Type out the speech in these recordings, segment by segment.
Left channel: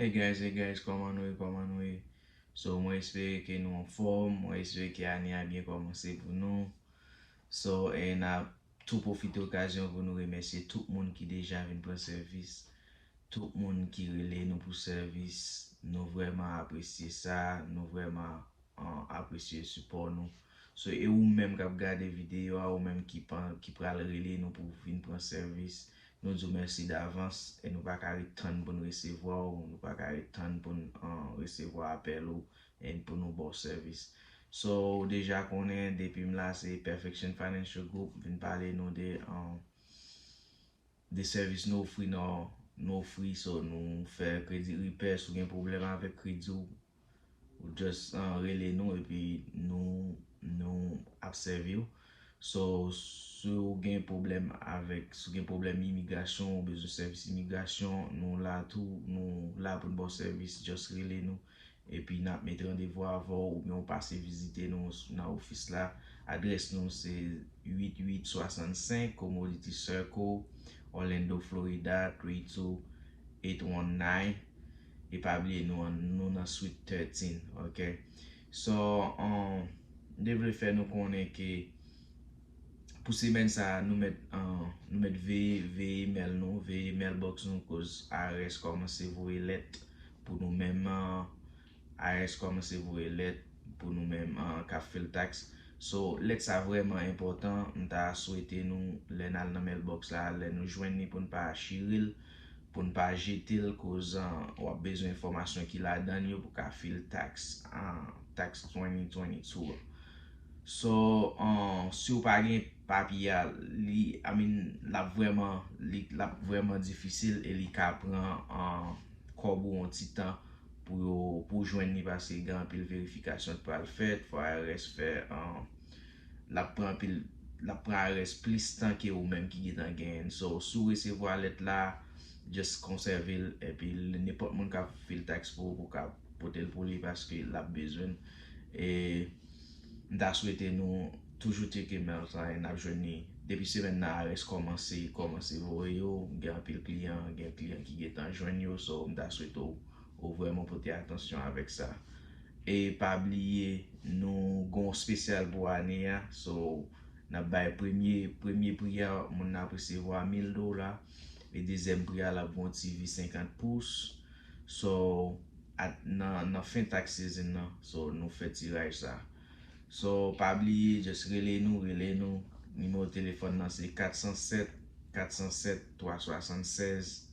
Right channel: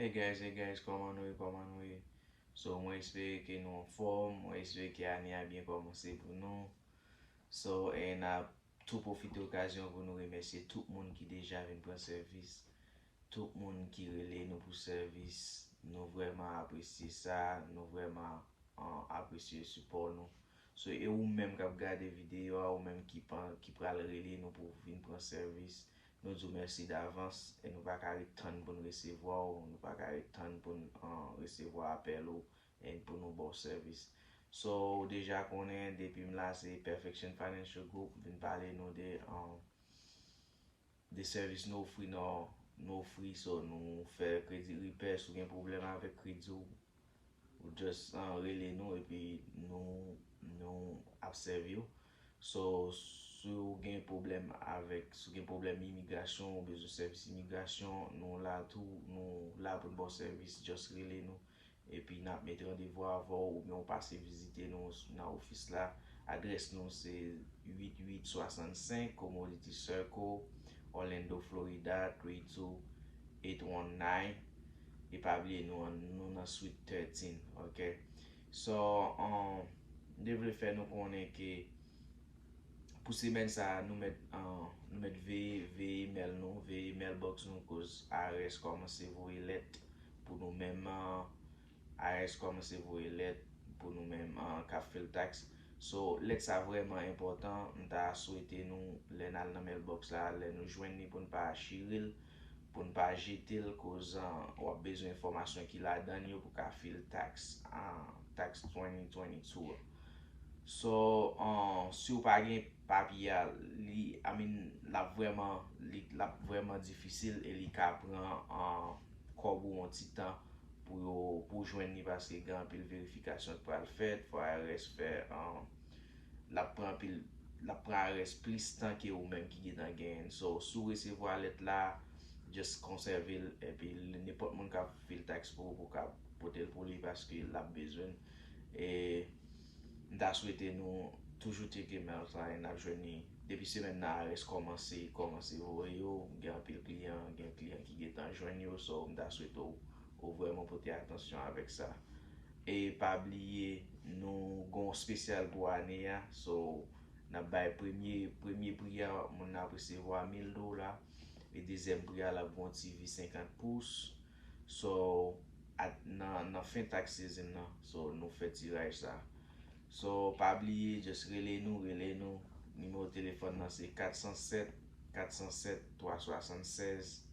Hey guys, comment nous? So, moi espère que nous en forme, moi espère que l'année a bien commencé pour nous. So, et n'a tout profité occasion pour nous remercier tout le monde qui déjà vient prendre service, tout le monde qui relève nous pour service. Nous vraiment apprécier ça, nous vraiment apprécier le support nous. So, et ou même qui regardé vidéo, ou même qui prend le relais nous pour venir prendre service. Nous disons merci d'avance et nous pas attendre pour nous recevoir, nous pas attendre pour nous recevoir appel et pour nous bon service. So déjà qu'on est depuis là c'est Perfection Financial Group vient parler nous des services nous offrir nous free so nous faire crédit repair si vous avez un problème avec crédit ou just relais nous et puis nous observer. So, si vous avez un problème immigration ou besoin de service immigration, nous là pour un bon service, just relay nous. Et puis, nous mettons rendez-vous avant ou bien on passe visiter nous dans l'office là. Adresse nous c'est 8865 Commodity Circle, Orlando, Florida 32819. Et pas oublier nous dans suite 13, ok? So, devrait faire nous connaître que pour semaine ça nous mettre V email nous V email box nous cause ARS commence vous lettre pour nous même ARS commence vous lettre pour nous même qu'a fait le taxe. So lettre ça vraiment important, on t'a souhaité nous les dans la mailbox là, les nous joindre pour ne pas chiril pour ne pas jeter le cause on a besoin d'informations qu'il a donné pour qu'a fait le taxe tax 2022. So, si vous pas gen papier, la vraiment difficile et li ka pran kobo un petit temps pour joindre ni parce que grand pile vérification pour le faire, faut ARS faire la prend ARS plus temps que ou même qui est en gain. So, si vous recevoir lettre là, just conserver et puis n'importe monde ka fait le tax pour ka porter pour lui parce que l'a besoin et da souhaité nous toujours checker mail ça et n'a journée depuis semaine là reste commencer voir yo gen pile client qui est en joindre yo so da souhaité ou vraiment porter attention avec ça et pas oublier nous gon spécial pour année so n'a bay premier prix mon a recevoir $1000 et deuxième prix la bon TV 50 pouces so dans fin tax season so nous fait tirage ça. So, pas oublier, just relay nous. Numéro de téléphone, c'est 407 376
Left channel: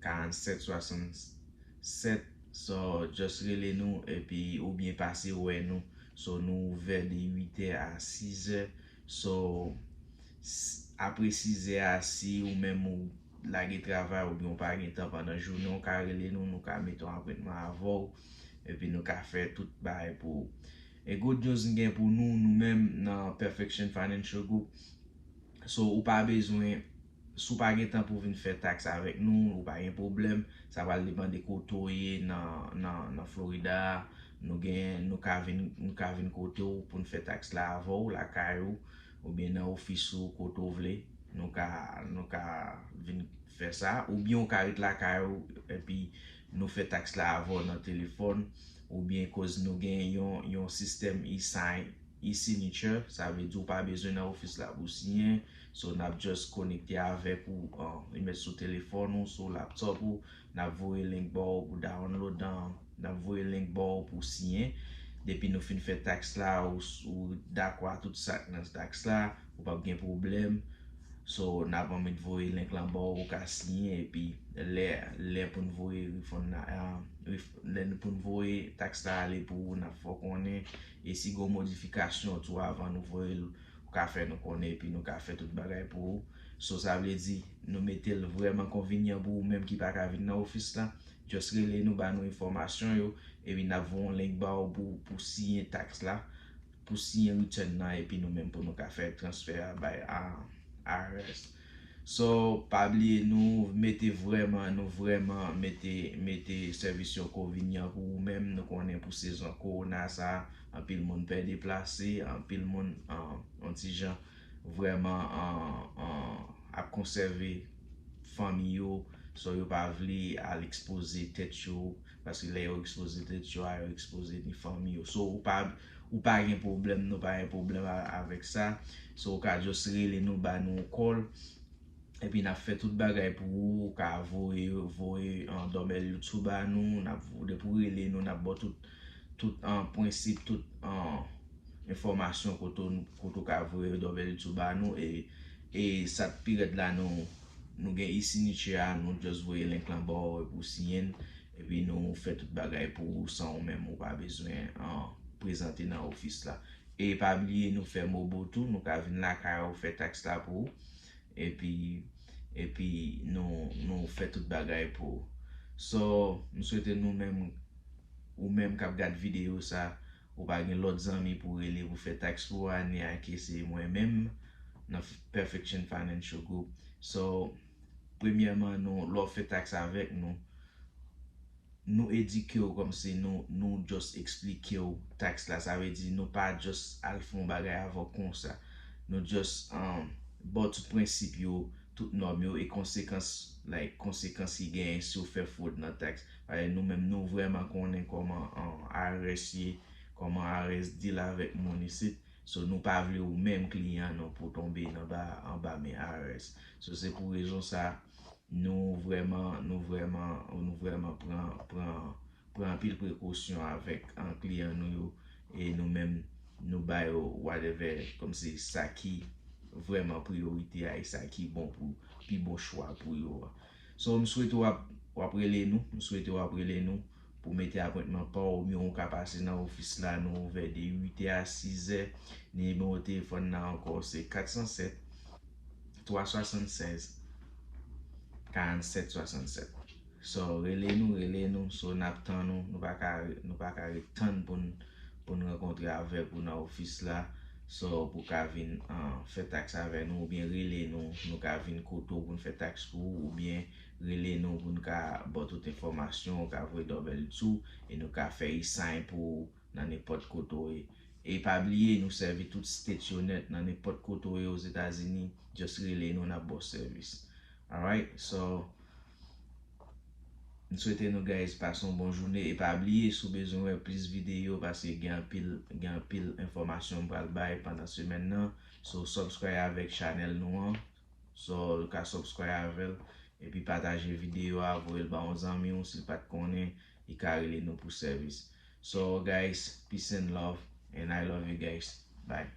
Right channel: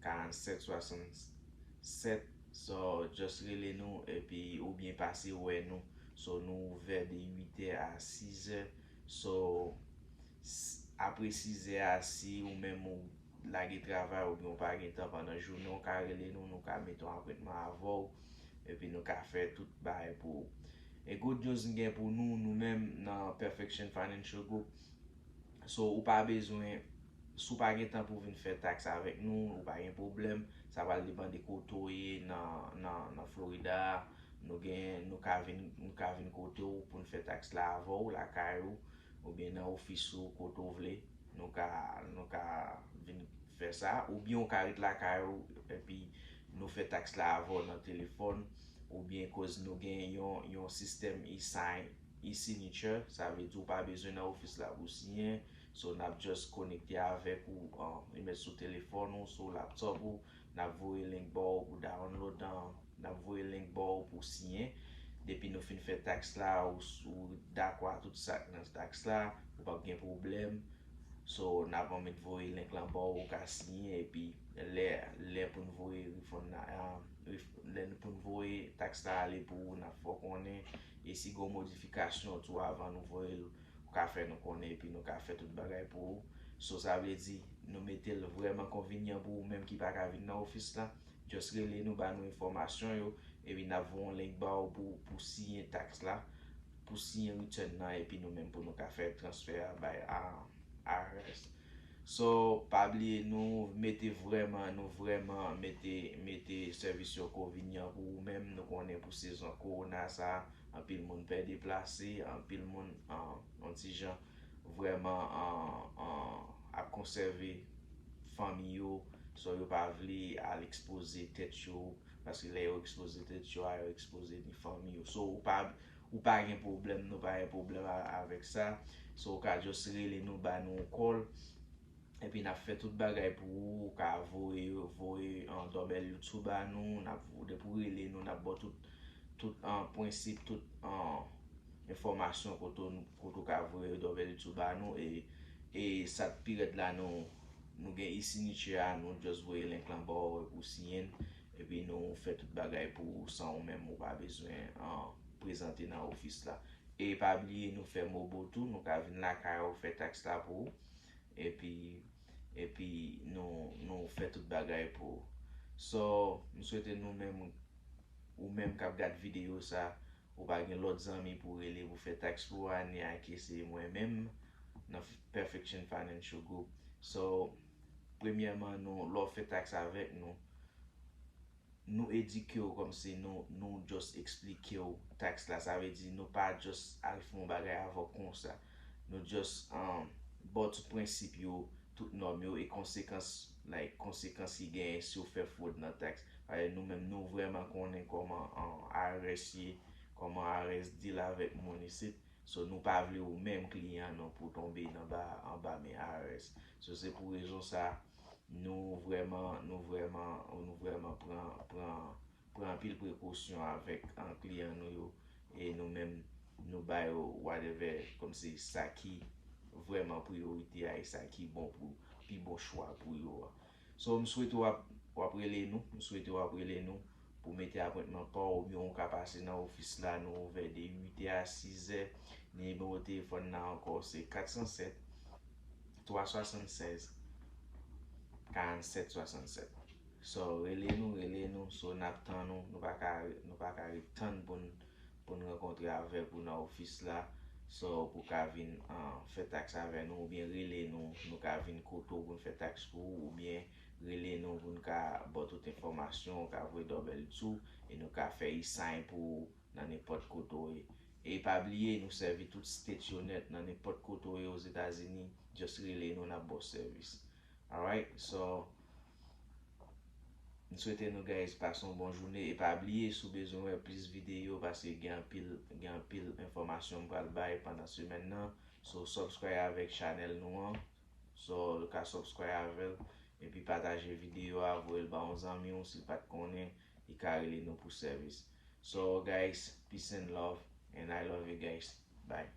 47 67. So, just relay nous et puis ou bien passer ouais nous. So, nous ouvert de 8h à 6h. So, après 6h à 6 ou même ou la travail ou bien pas de temps pendant la journée, on peut relay nous mettre un apprêtement avant et puis nous faire tout bail pour. Et good news gen pour nous-mêmes dans Perfection Financial Group. So, ou pas besoin, si ou pas gen temps pour venir faire taxe avec nous, ou pas un problème, ça va dépendre de côté dans Florida, nous ka vinn côté pour nous faire taxe là avant ou la caillou ou bien dans office ou côté vle, nous ka vinn faire ça ou bien on ka rete la caillou et puis nous fait taxe là avant dans téléphone ou bien cause nous gagnons un système e-signature, ça veut dire pas besoin dans office là pour signer, so n'a just connecté avec ou mettre sur téléphone ou sur laptop ou n'a voyer link bar pour download n'a voyer link bar pour signer depuis nous fin fait taxe là ou d'accord tout ça dans taxe là ou pas de problème. So, n'a pas mis voyer link là bas ou ka signer et puis les pour nous voyer pour nous voyer taxe là aller pour n'a faut connaître et si go modification tout avant nous voyer ou ka faire nous connaître puis nous ka faire tout bagay pour so ça veut dire nous mettez vraiment convenient pour même qui pas ka venir dans office là just relay nous ba nous information yo et puis n'avons link bas pour signer taxe là pour signer return là et puis nous même pour nous ka faire transfert à ARS. So, pas oublier nous mettez service convenient pour vous même nous connaît pour saison corona ça en pile monde peut déplacer en pile monde en petit gens vraiment à conserver famille So yo pa vle al expose tet yo, paske le yo expose tet yo, a yo expose ni fami yo. So ou pa gen problem, nou pa gen problem avek sa. So ou ka just rele nou ba nou call, epi nap fe tout bagay pou ou ka voye an dobel YouTube ba nou, nap de pou rele nou, nap bo tout an prinsip, tout an informasyon koto ka voye dobel YouTube ba nou, e sat period la nou gen e-signature, nou just voye link lan ba pou signen, epi nou fe tout bagay pou san ou men ou pa bezwen prezante nan ofis la. E pa bliye nou fe mobotou, nou ka vin la kaya ou fe tax la pou, epi nou fe tout bagay pou. So, nou souwete nou men, ou men kap gade video sa, ou pa gen lot zami pou rele pou fe tax pou ane ake se mwen men, nan Perfection Financial Group. So, premièrement, nou fe tax avek nou edike yo kom se nou just explike yo tax la. Sa ve di nou pa just al fon bagay avok kon sa. Nou just bot tout prinsip yo, tout norm yo, e konsekans yi gen si yo fe foud nan tax. Nou menm nou vreman konen koman IRS ye, koman IRS deal avek moun isit. So nou pa vle ou menm kliyan nou pou tombe nan ba men IRS. So se pou rezon sa, nou vreman pran pil prekosyon avek an kliyan nou yo, e nou menm nou bay yo whatever, kom se sa ki vreman priorite a, e sa ki bon pou, pi bon chwa pou yo. So m souwete wap rele nou, pou mette appointment pa ou myon ka pase nan ofis la nou ouve de 8 a 6 numéro téléphone nan encore c'est 407 376 47 67. So rele nou, so nap tan nou pa ka retan pou nou renkontre avek ou nan ofis la. So pou ka vin fe tax avek nou, ou bien rele nou ka vin koto pou nou fe tax pou, ou bien rele nou pou nou ka bot tout informasyon, ou ka vwe dobel tou, e nou ka fe e-sign pou nan nepot koto e. E pa bliye nou servi tout state yo net nan nepot koto e os Etats-Unis, just rele nou na boss service. Alright, so nou souwete nou guys pason bon jounen, e pa bliye sou bezon wè plis video, pase gen pil informasyon pral bay pandan semen nan. So subscribe avek channel nou an, so ka subscribe avel, e pi pataje video avouel ba 11 an miyon, sil pat konen, i ka rele nou pou service. So guys, peace and love, and I love you guys. Bye.